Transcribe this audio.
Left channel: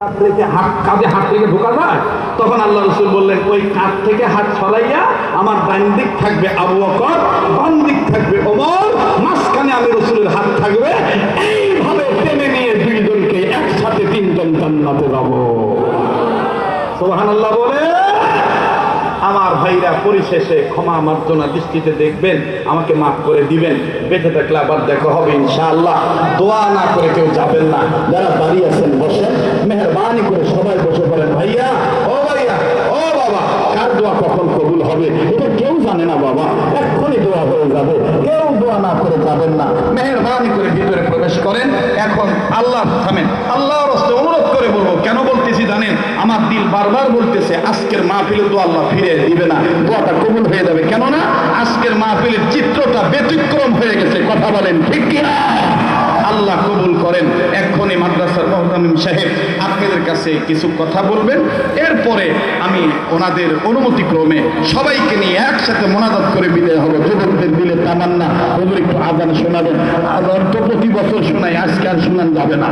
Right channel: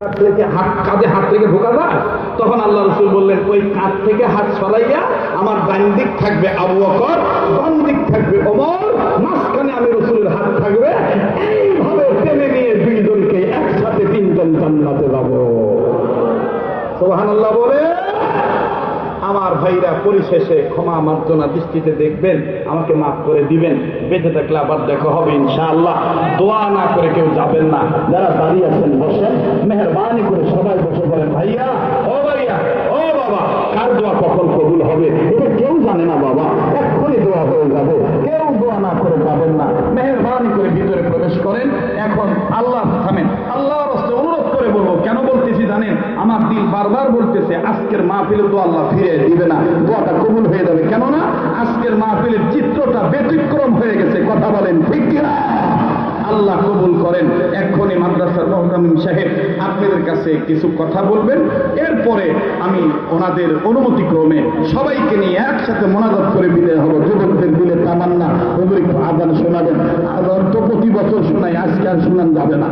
কাঁধে হাত থেকে ঢোকা যায়, তখন আল্লাহ রাসূল বললেন ওই কাঁধ থেকে হাত ছড়াইয়া আমার ডান দিক থাকবে আবু বকর, বাম দিক থাকবে ওমর, মাঝখানে আমি রাসূলের হাত থাকবে। এইভাবে টেনে নিয়ে দুইজনকে একসাথে তিনজন জান্নাতে যাব। সুবহানাল্লাহ বলে। আমার ভাইরা পরিশেষে ক্ষমা মার্জনা দৃষ্টিতে দেখবেন, আমাকে মাফ করে দিবেন। বেঁচে থাকলে আবার দেখা হবে ইনশাআল্লাহ। দোয়া না করে কেউ যাবেন না। যারা দাঁড়িয়ে আছেন বসেন, মেহরবানি করে সবাই বসে পড়েন। ভাইয়া, ও ভাইয়া, ও বাবা, কার দোয়া কখন কবুল হবে এটা কেউ জানে না বাবা, এক্ষুনি দোয়া হয়ে যাবে। কেউ দোয়া না করে যাবেন না। মেহরবানি করে ভিতরে প্রবেশ করেন। এখন আল্লাহ থামেন, আল্লাহর রাস্তায় অনুরোধ করে বলবো। কেন বলতেছি জানেন? আমার দিল বারবার বলতেছে আজকের মাহফিলে তো আল্লাহ ফিরে দিবে না, দোয়াটা কবুল হয়ে যাবে। কেননা আজকের মাহফিলের চিত্রটা ব্যতিক্রম হয়ে গেছে। কথা বলেন ঠিক কিনা? আল্লাহ কবুল করেন। এক্ষুনি মাদ্রাসার মুহতামিম সাহেব আপনাদের কাছে কিছু কথা বলবেন। এরপরে আমি ওনাদের অনুমতি ক্রমে সবাইকে নিয়ে একসাথে মোনাজাত করে বিদায় হবে। যুবকদের দিলে তামান্না হুজুর একটু আযান শোনাবেন। আযান তো প্রতি বছর শোনাই, আজকে আর শোনান যাবে না।